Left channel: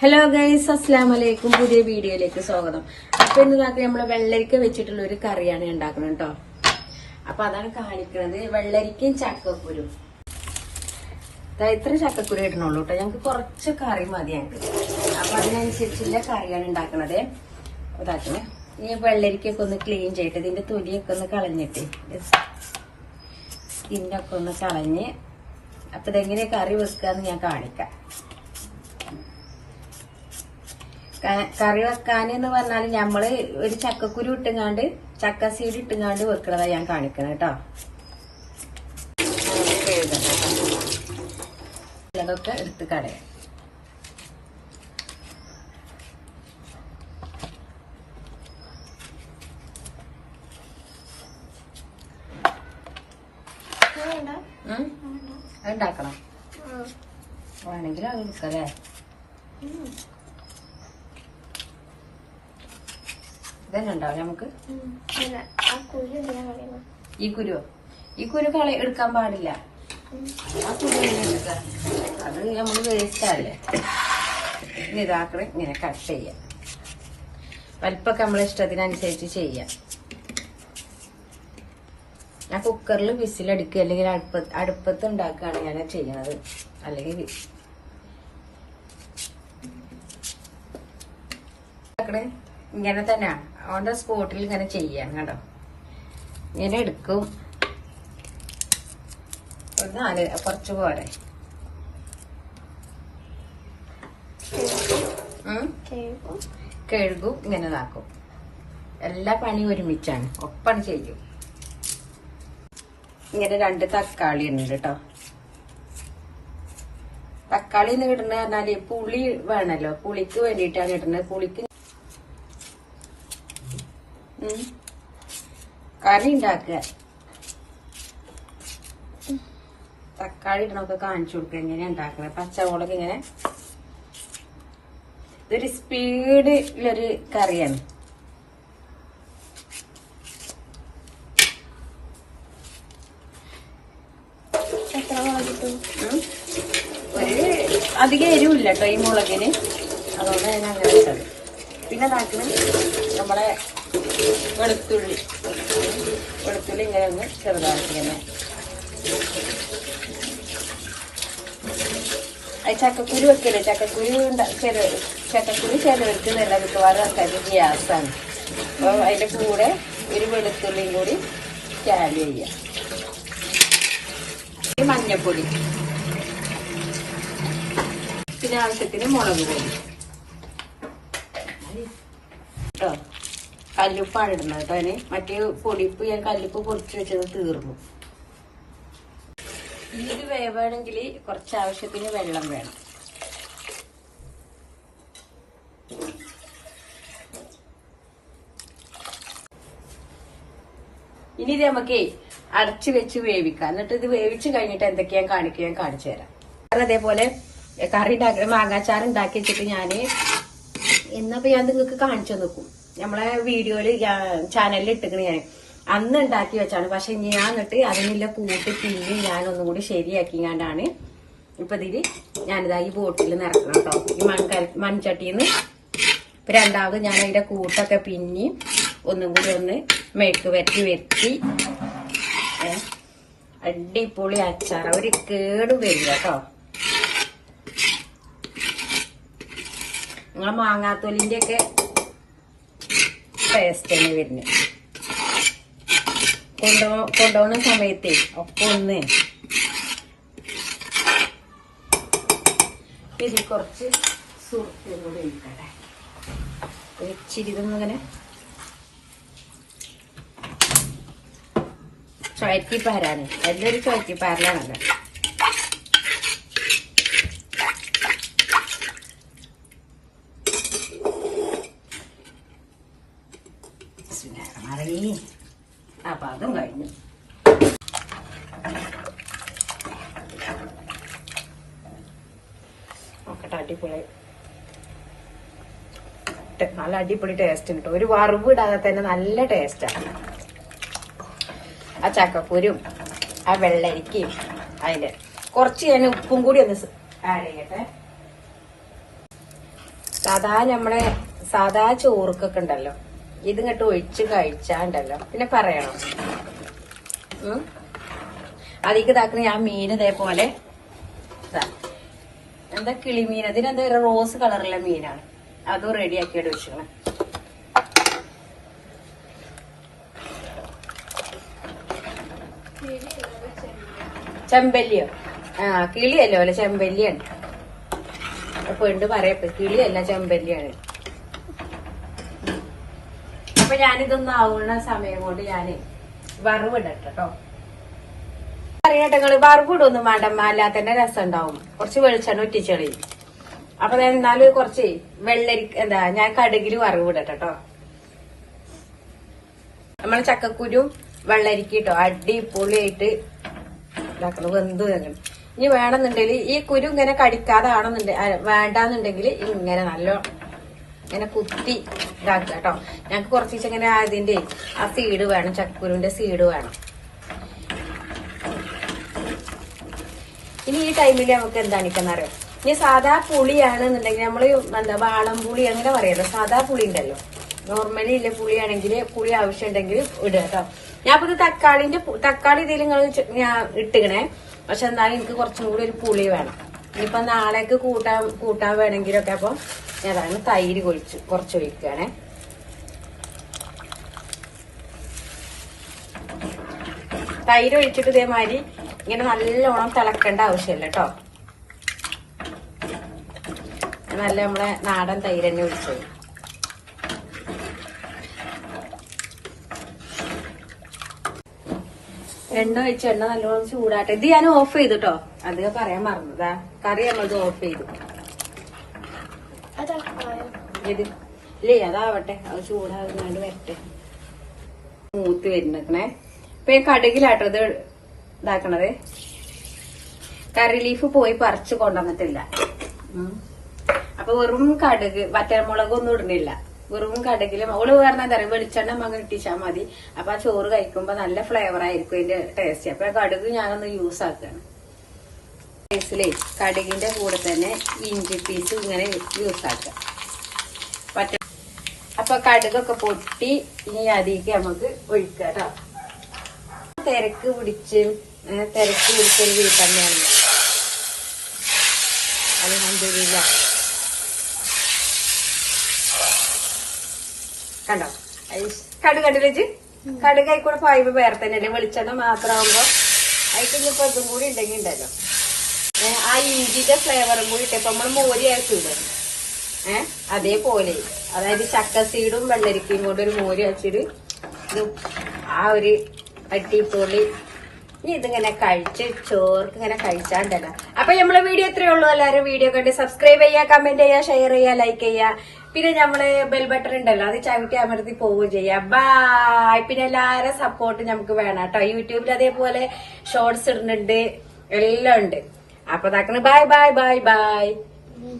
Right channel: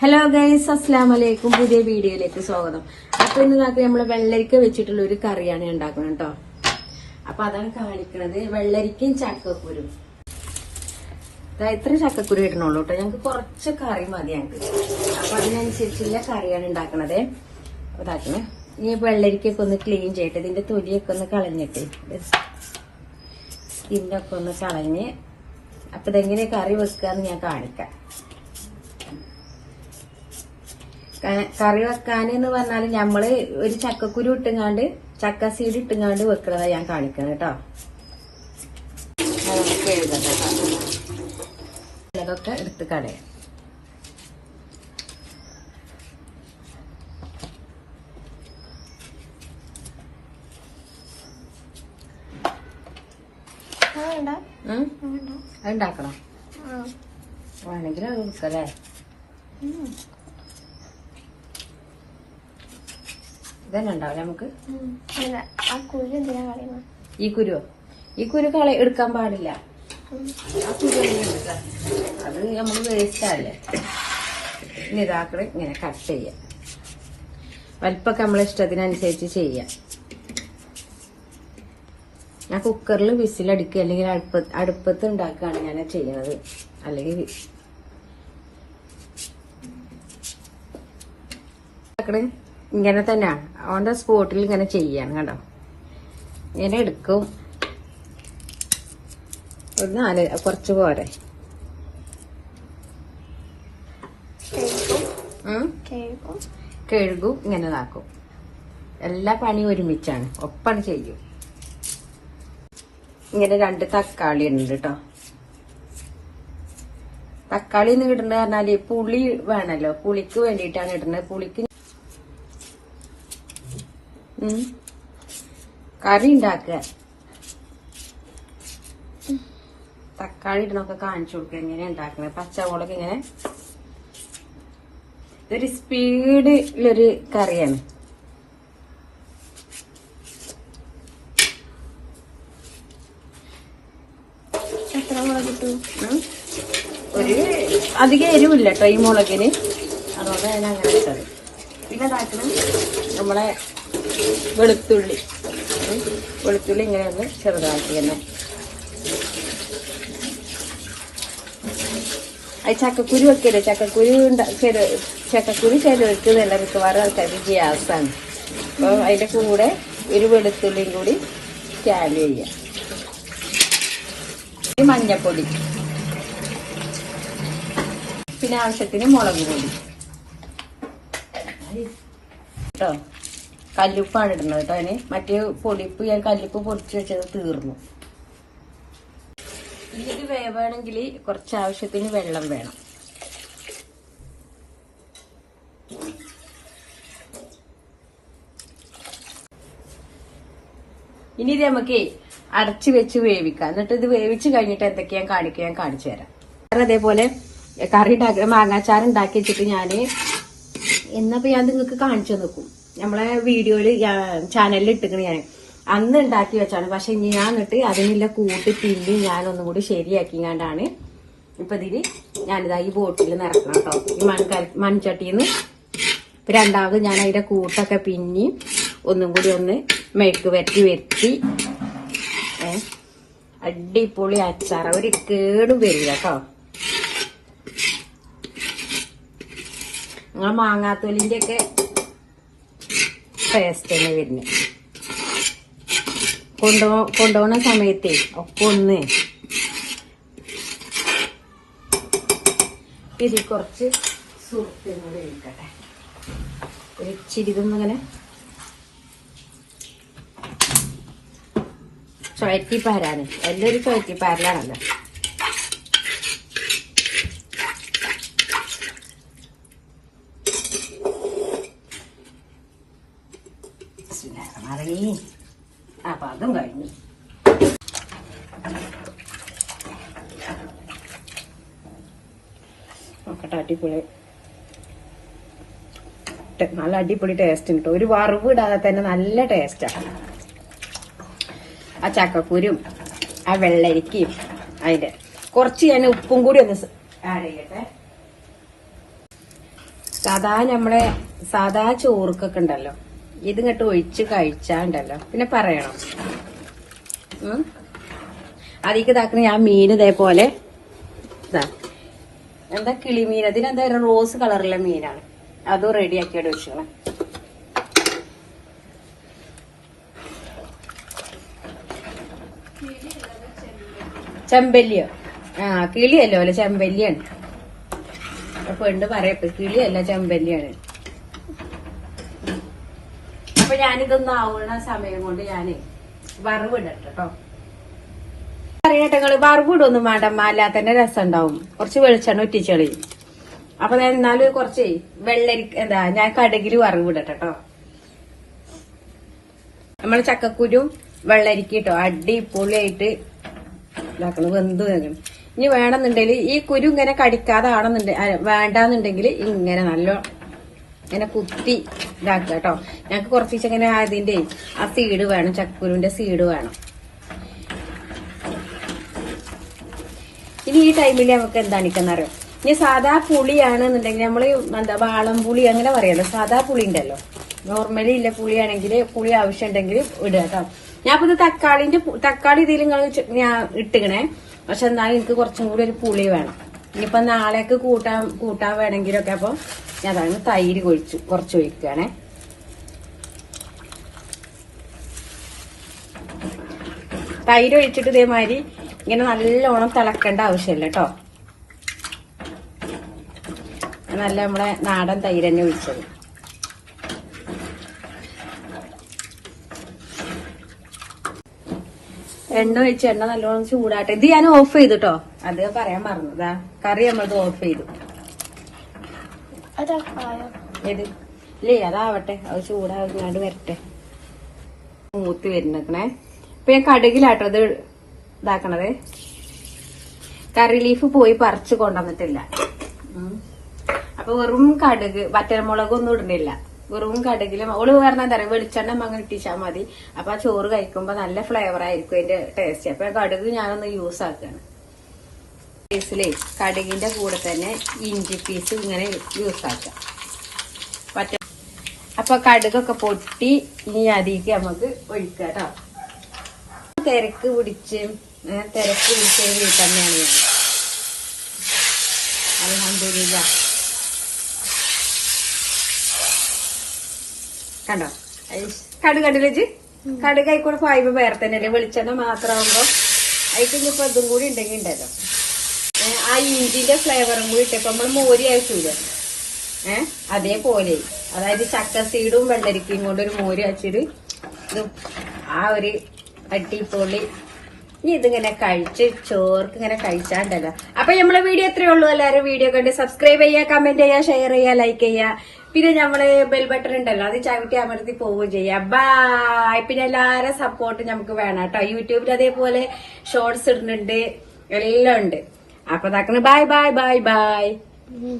Hello guys അസ്ലാം വലൈക്കും പുതിയ വീഡിയോയിലേക്ക് സ്വാഗതം. അപ്പൊ ഇന്ന് നമുക്ക് നമ്മൾ വെള്ളരിക്ക വെച്ചിട്ടുള്ള ഒരു കറിയാണ് ഉണ്ടാക്കുന്നത് കേട്ടോ. അപ്പൊ അതാണ് കാണിക്കുന്നത്. വെള്ളരിക്കയും ചക്കക്കുരും. ഇത്ര ചക്കക്കുരു ഇടണുള്ളൂ കേട്ടോ. ഞങ്ങൾക്ക് കുറച്ച് കറി മതി ഞങ്ങൾക്ക് അപ്പൊ അതിനനുസരിച്ചുള്ള കറിയാണ് ഉണ്ടാക്കണത്. ഇതാക്കണേ ഇനി വെള്ളരിക്കൊക്കെ ഒന്ന് ക്ലീൻ ചെയ്തിട്ട് ഇതിന്റെ തൊലിയൊക്കെ ഒന്ന് കളഞ്ഞിട്ട്. സ്കിന്നൊക്കെ ഒന്ന് കളഞ്ഞ്. അപ്പൊ ഇതെങ്ങനെ കറി വെക്കാന്ന് ഞാൻ കാണിക്കാം. കറി വെക്കാൻ എന്ന് പറഞ്ഞാൽ ഞമ്മൾ ഒരു ചക്കക്കുരു ഇട്ടുങ്ങാണ്ട് ചക്ക സീഡ് ഇട്ടുങ്ങാണ്ട് വെക്കണതാ ഞാൻ കാണിക്കണം കേട്ടോ അതൊക്കെ എടുത്ത് കളയാം ഉം? അത് ഉണ്ടാക്കണം. വേണമെങ്കിൽ അത് എടുക്കല്ലേ ഇതന്നെ ഉണ്ടാവും നമുക്ക് ഈ കുരുവോ? ഈ കുരു കള എടുക്കാൻ പാടില്ല. ആ കുരു അത് നമ്മൾ വേസ്റ്റ് ആവില്ലേ ഇനി ഇതാക്കറ് ഇങ്ങനെ കട്ട് ചെയ്യ. വലിപ്പൊക്കെ നമ്മളെ ഇഷ്ടത്തിനനുസരിച്ച് ചെയ്യാം. ഞാൻ കുക്കറിൽ വിസിലടിക്കുക അല്ലെങ്കിൽ അടുപ്പ അടുപ്പത്ത് ഉണ്ടാക്കുകയാണ് ഞാൻ ചെയ്യുന്നത്. അല്ലെങ്കിൽ ഉണ്ടാക്കണേ ഇങ്ങനെ തന്നെ അവന്റെ സ്പോട്ടിൽ ഇങ്ങനെ ചെയ്യാണ് കണ്ടോ? ഇങ്ങനെ എടുക്കും. ഒരു നാല് കുറച്ച് പോരെ. കഴുകും ഇങ്ങനെ ഇതാക്കും. എല്ലാ പണിയും ഒരുമിച്ചാണ്. ഒപ്പം ചെയ്യും. ഇങ്ങനെ രണ്ട് തക്കാളി ഉണ്ട് കേട്ടോ തക്കാളി എന്ന് ഇടുന്ന പറഞ്ഞാൽ പുളി വേണല്ലോ. പുളിക്ക് വേണ്ടിയിട്ടാണ് ഇടുന്നത്. പുളിക്ക്. കറി ഉണ്ടാക്കുക തക്കാളി ഇടണൊക്കെ കാണിച്ചു കൊടുക്കുക എങ്ങനെ ഉണ്ടാക്കുന്നത് പച്ചമുളക് ഇങ്ങനെ. ഇതൊരു സ്പീഡിലൊരു കറിയാണ്. എത്ര മുളക് കിട്ടും. ഒരു അധികം എരിവില്ല കേട്ടോ ഈ മുളകിന്. അതുകൊണ്ട് ഞാൻ അങ്ങനെ ഇട്ടത്. പിന്നെ നമ്മളെ വെളുത്തുള്ളി. വെളുത്തുള്ളി ഇങ്ങനെ ഒന്ന് ചെറുതാക്കി തന്നെ അത് ചക്കക്കുരു വെക്കല്ലേ ചക്കക്കുരു ചെറു ചക്കക്കുരു ചെറുക്ക് നല്ല മിക്കവാറും ആൾക്കാർക്ക് ഗ്യാസാണ്. അപ്പം അതിന്റെ കൂടെ ഒരു വെളുത്തുള്ളിയും കൂടി സ്കാൻ ചെയ്യാം. മഞ്ഞപ്പൊടി. പിന്നെ ആവശ്യത്തിന് മുളക് പൊടി. കേട്ടോ? കല്ലുപ്പാണ് ഇടുന്നത് കേട്ടോ അതിന്. മറ്റേ പൊടിപ്പ് ഞാൻ കല്ലുപ്പ് പൊടിച്ച് വെച്ചത് തീർന്നു. ഇത് വേവാണെങ്കിൽ കുറച്ച് ആവശ്യത്തിന് വെള്ളം വേണം. ഇനി ഇത് നമുക്ക് അരച്ച് വെച്ച് വേവിക്കാം. എന്നിട്ട് ഇത് വേവിച്ച് കഴിഞ്ഞിട്ട് എന്തൊക്കെയാ കാണിക്കുക ഞാൻ കാണിച്ചു തരാം. അത് അതേപോലെ കറി ഉണ്ടാക്കി മാങ്ങാച്ചാർ ഉണ്ടാക്കി വെച്ചിട്ട് ഞാൻ എന്നപ്പോ ഞാൻ നിങ്ങൾക്ക് കാണിച്ചു നോക്കും നമ്മളെ വീഡിയോയിൽ ചാനലിൽ ഇട്ടിക്കണ ഞാൻ അന്ന് ഉണ്ടാക്കി വെച്ചാണ്. പക്ഷെ ഇനി ഞാൻ എന്നിട്ട് അതിനുള്ള കൂട്ടി പിന്നി ഞാൻ ഒന്നുകൂടി ശരിയാക്കിങ്ങാണ്ടാണ് ഇപ്പൊ ഇതിൽ ഞാനിതാ ഈ ബോട്ടിൽ നിറക്കണം കേട്ടോ. ഈ മൺകരി നിന്ന് ഇപ്പൊ രണ്ടാമത് ഞാൻ അതിന്റെ കൂട്ടൊക്കെ പിന്നി ഒന്നും കൂടി ഒന്ന് മെഴുക്ക് വരുത്തി ഏ, അടിപൊളി അച്ചാർ ഒരു കേടും വരില്ല കേട്ടോ. നിങ്ങൾ മാങ്ങാത്തോലിന്റെ ഒക്കെ ടേസ്റ്റ് തന്നെ വരുന്നത് കൊണ്ടോ കൊണ്ടുപോകുന്ന സമയത്ത് ഒക്കെ ഒന്ന് ഇത് കുറച്ച് സുഹൃത്തും കൂടെ എടുക്കട്ടെ ഇച്ചിരി ഇതൊന്നും അങ്ങനെ. ചുഴറ്റി പാരാന്. എല്ലാവരും ചുഴറ്റി പാരലാണല്ലോ. അടിപൊളി. നല്ല അടിപൊളി ടേസ്റ്റ് ഉണ്ട്. ഒരു വറവ് ഇടാതെ തന്നെ നല്ല ടേസ്റ്റാണ് ആ. ചക്കക്കുരും ആ വെള്ളരിക്കയും അതിന്റെ കുറച്ച് ഞാൻ ഉപ്പും കൂടി ഒന്ന് ആഡ് ചെയ്യട്ടെ. സാധാ നമ്മളെ സാധാ ചോറുക്കൊക്കെ ഉണ്ടല്ലോ. ഇത് ഇങ്ങോട്ട് ഒഴിച്ച് കഴിച്ചാണ്ടല്ലോ. പിന്നെ പറയണം. അതിക്ക് ഇതാക്കുന്ന ഞാൻ മീൻ ഇതേപോലെ ഇതാ. എന്താ കിളിമീൻ അതിനെന്താ ഒരു റോസ് കളറിലെ മീനാണ്. അതും റെഡിയാക്കിയാണ് വെച്ചോളാം ചെമ്പല്ലിയോ ആ കിളിയല്ലോ അല്ലെ ചെമ്പല്ലിയാണ്. പെണ്ണ് പറയട്ടെ. കിളിയല്ല ചെമ്പല്ലിയാണ്. അപ്പൊ ഞാനിതൊന്നും ആവുന്ന സമയം കൊണ്ട് ഞാൻ വറവിടട്ടെ കേട്ടോ അറിയട്ടെ വറവിടൊന്നും വേണ്ടമ്മ അല്ലാതെ തന്നെ രസം ഉണ്ടാവും കുറച്ച് വെളിച്ചെണ്ണ ഒറ്റിച്ചെളി അപ്പൊ ഞാൻ എന്നാലും കുറച്ച് വെള്ളരി എന്താ ഞാൻ കടുകിൽ വറവിടട്ടെ കേട്ടോ നമ്മൾ ചക്കക്കുരു വെള്ളരിക്ക് കേട്ടോ അടിപൊളിയായിട്ട് ഇതാക്കണം വെന്ത് നിൽക്കണം ഇനി വേണമെന്നുണ്ടെങ്കിൽ ഈ കുരു ഇങ്ങനെ കടിക്കാതെ ആണെന്നുണ്ടെങ്കിൽ വേണ്ടാന്നുണ്ടെങ്കിൽ ഇങ്ങനെ നല്ല ഇങ്ങനെ കുത്തി ഇതാക്കുക കേട്ടോ ഞങ്ങൾക്ക് കുറച്ച് ഇങ്ങനെ അതിന്റെ ആ സീഡ് വേണം ചക്കുരുവിന്റെ സീഡ് വേണം. ഇനി ഈ ടൈമിൽ നമുക്ക് എന്താണ് അറിയാം? ഇനി സാധാ പുളിയാണെന്നുണ്ടെങ്കിൽ നമ്മൾ എന്താ വാളം പുളി അങ്ങനെ പറയാലോ സാധാ പുളി ഉണ്ടല്ലോ. നോർമലി ഇല്ല പുളിയാണെങ്കിൽ പുളി ആവശ്യമുണ്ടെങ്കിൽ ഇടുക കേട്ടോ. ഞാൻ ഇപ്പൊ തക്കാളിന്റെ തക്കാളി ഇതിൽ ഞാൻ ഇട്ടിക്കണേ പക്ഷെ എന്നാലും എനിക്ക് കുറച്ചും കൂടി ഒരു പുളി വേണം. ഇനിയിപ്പൊ നാളേക്ക് കൂട്ടാൻ കൂട്ടാൻ വേണമെങ്കിലൊക്കെ അപ്പൊ ഞാനതാണ് തൈര് കൊഴിച്ചു കുറച്ച് ഒഴിക്കുകയാണേ. തൈര് ഒഴിച്ചിട്ട് ഇതേമാതിരി ഇങ്ങനെ നല്ലോണം തിളക്കേണ്ട ആവശ്യമില്ല കേട്ടോ. നല്ല നമ്മുടെ നാടൻ തൈര് തന്നെ ഒഴിച്ചത് എണ്ണ ഒഴിച്ച് എണ്ണ നല്ലോണം ചൂടാട്ടെ. ഇത് ഞാൻ ഓഫ് ചെയ്തിട്ടോ. അത് പറയാൻ മറന്നു. കറി നമ്മളത് ഓഫ് ചെയ്തു. ഇല്ല അതാവട്ടെ. അത് ചൂടാകുന്നാലും വരട്ടെ. മൂത്ത് വരുന്നേ ഇപ്പൊ ഈ കടുകിലാട്ടോ അത് ഇതാക്കണത്. കറി ലീഫ് പോയി പറിച്ചു കൊണ്ടുവന്നിട്ടില്ല. അപ്പൊ വെറും കടുക് വറ്റൽമുളകൊന്നും ഇടുന്നില്ല. വെറും കടുകിൽ. ഓൾ പറഞ്ഞാൽ തരാം വെളിച്ചെണ്ണ മങ്ങ ഇട്ടിച്ചാൽ മതി. അപ്പൊ ആ ചോറ് കഴിക്കുമ്പോ നല്ല ഫ്ലേവർ ആയിരിക്കും അതിന്റെ ടേസ്റ്റ് അപ്പൊ കടുക് ഞാനൊന്ന് യൂസ് ആക്കണം. പീസിലേ കടുകിന്റെ കൂടെ തന്നെ ഇഞ്ചി പീസ് ഇങ്ങനെ യൂസ് ആക്കാം. പറ്റ അപ്പൊ കടുകൊക്കെ പൊട്ടി ഇനി അതിലേക്ക് നമുക്ക് ഒഴിക്കാം തിരക്ക് പിടിച്ച് തിരക്ക് പിടിച്ചൊരു വീട്ടമ്മയാണ് കണ്ടോ? കടു കടുക് കൂടെ പായ്പ് വേറെ തന്നെയല്ലേ വെളിച്ചെണ്ണ മാത്രമാകുമ്പോ അതിന് ഇപ്പൊ അതും കൂടി ഉണ്ടെങ്കിൽ ഉണ്ടല്ലോ. ആ ഇഞ്ചിന്റെ ഫ്ലേവറും കൂടി ഇട്ടപ്പോ നമ്മൾ മോരി അയച്ചില്ല ഏ അതേപോലെ. അതായത് ചക്ക സീഡും വെള്ളരിക്കയും കൊണ്ട് ഒരു മോരി അയച്ചിട്ട് ആ ഒരു അടിപൊളി ഇനി ഇതിങ്ങനെ കഴിച്ച് ചോർക്ക് ഇങ്ങനെ കഴിച്ചാണ്ടല്ലോ അപ്പൊ നമ്മളെ വീഡിയോ എത്രയേ ഉള്ളൂ. എല്ലാവരും വീഡിയോ കണ്ട് സബ്സ്ക്രൈബ് ചെയ്യുക കമന്റ് ചെയ്യുക ഷെയർ ചെയ്യുക ലൈക്ക് ചെയ്യുക. പിന്നെ നമ്മൾ ബെൽ ബട്ടൺ ഉണ്ടല്ലോ അത് ചവിട്ടി അമർത്തി പോവുകയും ചെയ്യാം. ബായ് പിന്നെ എല്ലാവരും സപ്പോർട്ട് നമുക്ക് വേണം കേട്ടോ. യൂട്യൂബിൽ അതേപോലെ ഷോർട്സ് ഇടുന്നുണ്ട്. എല്ലാം ഉണ്ട്. അപ്പൊ ഇതാക്കുന്നത് ബായ് ബായ് ബായ് ബൈ ഉം.